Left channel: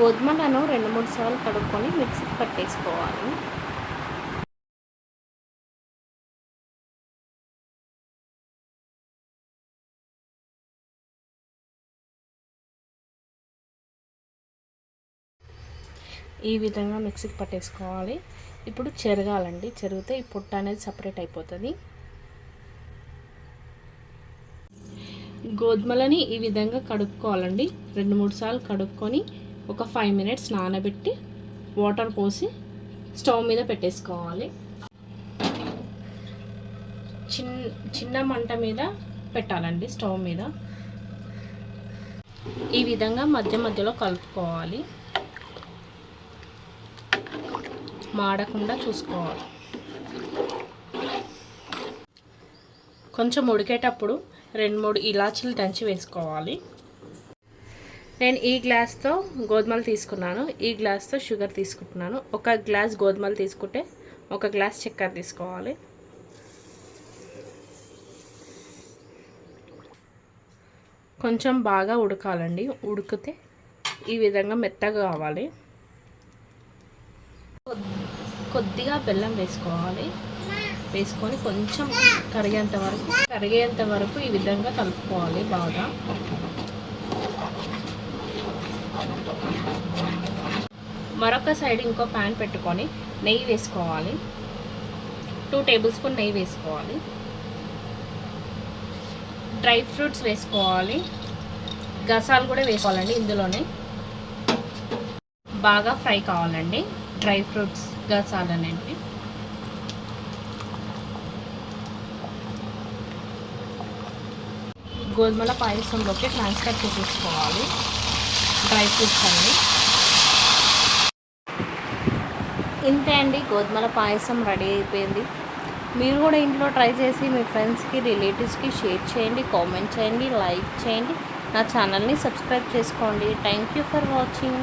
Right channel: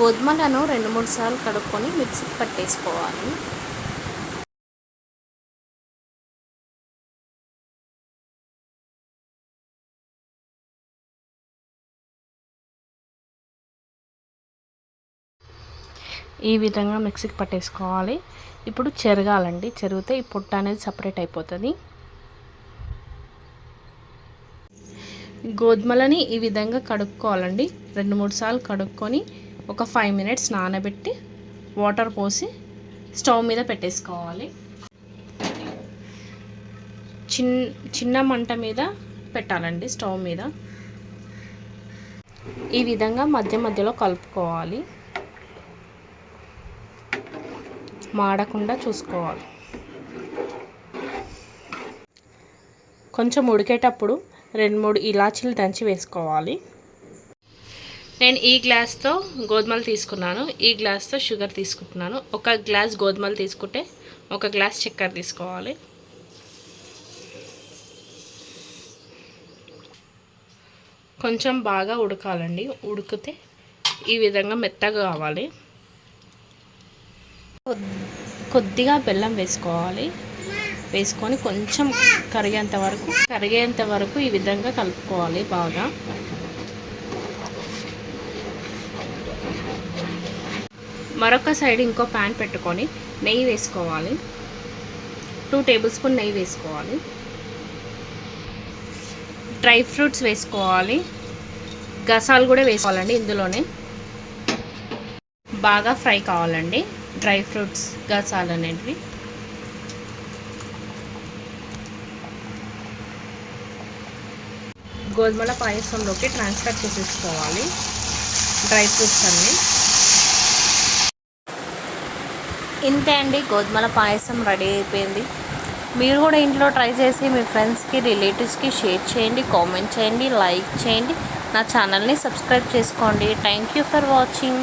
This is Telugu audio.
గోధుమలను రెండు మూడు సార్లు కడుక్కొని మిక్సీకి పట్టేసుకోవాలి. ఈ విధంగా మిక్సీకి పట్టేసుకోవాలి. ఇప్పుడు చెరగాలండి. చెరిగితే ఈ పొట్ట అనేది సపరేట్ అయిపోతుంది. గోధుమలని ఈ విధంగా కడుక్కోవాలండి. రెండు మూడు సార్లు కడుక్కొని ఒక ఫైవ్ మినిట్స్ నానబెట్టి వాటర్ పోసి స్టవ్ మీద పెట్టేసుకోవాలి. చిన్ చిన్న మంట మీద పెట్టాలండి స్టవ్ మీద. ఈ విధంగా మధ్య మధ్యలో కలుపుకోవాలి. మాడకుండా చూసుకోవాలి. కొంచెం ఉడికేటప్పుడు రెండు మూడు ఇలాచీలు దంచి వేసుకోవాలి. నేను ఈ గ్లాస్తో గోధుమలు తీసుకున్నాను. ఈ గ్లాస్తో షుగర్ తీసుకుంటున్నాను. ఒక గ్లాస్ గోధుమలు తీసుకుంటే ఒక గ్లాస్ చక్కెర తీసుకోవాలి. కొంచెం బాగా ఉడకాలండి. ఉడికితే ఈ విధంగా మెత్తగా కావాలి. కొద్దిగా బెల్లం వేసుకోవాలి. వేసుకొని కొంచెం కరిగేంత వరకు కరిగేంత వరకు ఈ విధంగా కలుపుకోవాలి బాగా. మరొక సైడ్ ఇంకో ప్యాన్ పెట్టుకొని నెయ్యి వేసుకోవాలి. టూ టేబుల్ స్పూన్ నెయ్యి వేసుకోవాలి. డ్రై ఫ్రూట్స్ వేసుకోవాలి. గసాలు కూడా వేసుకోవాలండి ఇందులోనే. బాగా ఫ్రై కావాలండి. డ్రై ఫ్రూట్స్ గసాలు అనేవి గోధుమల పాయసంలోకి ట్రాన్స్ఫర్ చేసేసుకోవాలి. డ్రై ఫ్రూట్స్ అన్నీ. ఇంతే అండి గోధుమల పాయసం రెడీ అయిపోయింది. మీరు కూడా ఇంట్లో ట్రై చేసి మీ ఫ్రెండ్స్కి రిలేటివ్స్కి షేర్ చేయండి కామెంట్ చేయండి లైక్ చేయండి. నా ఛానల్ని సబ్స్క్రైబ్ చేసుకోండి. Thank you for watching.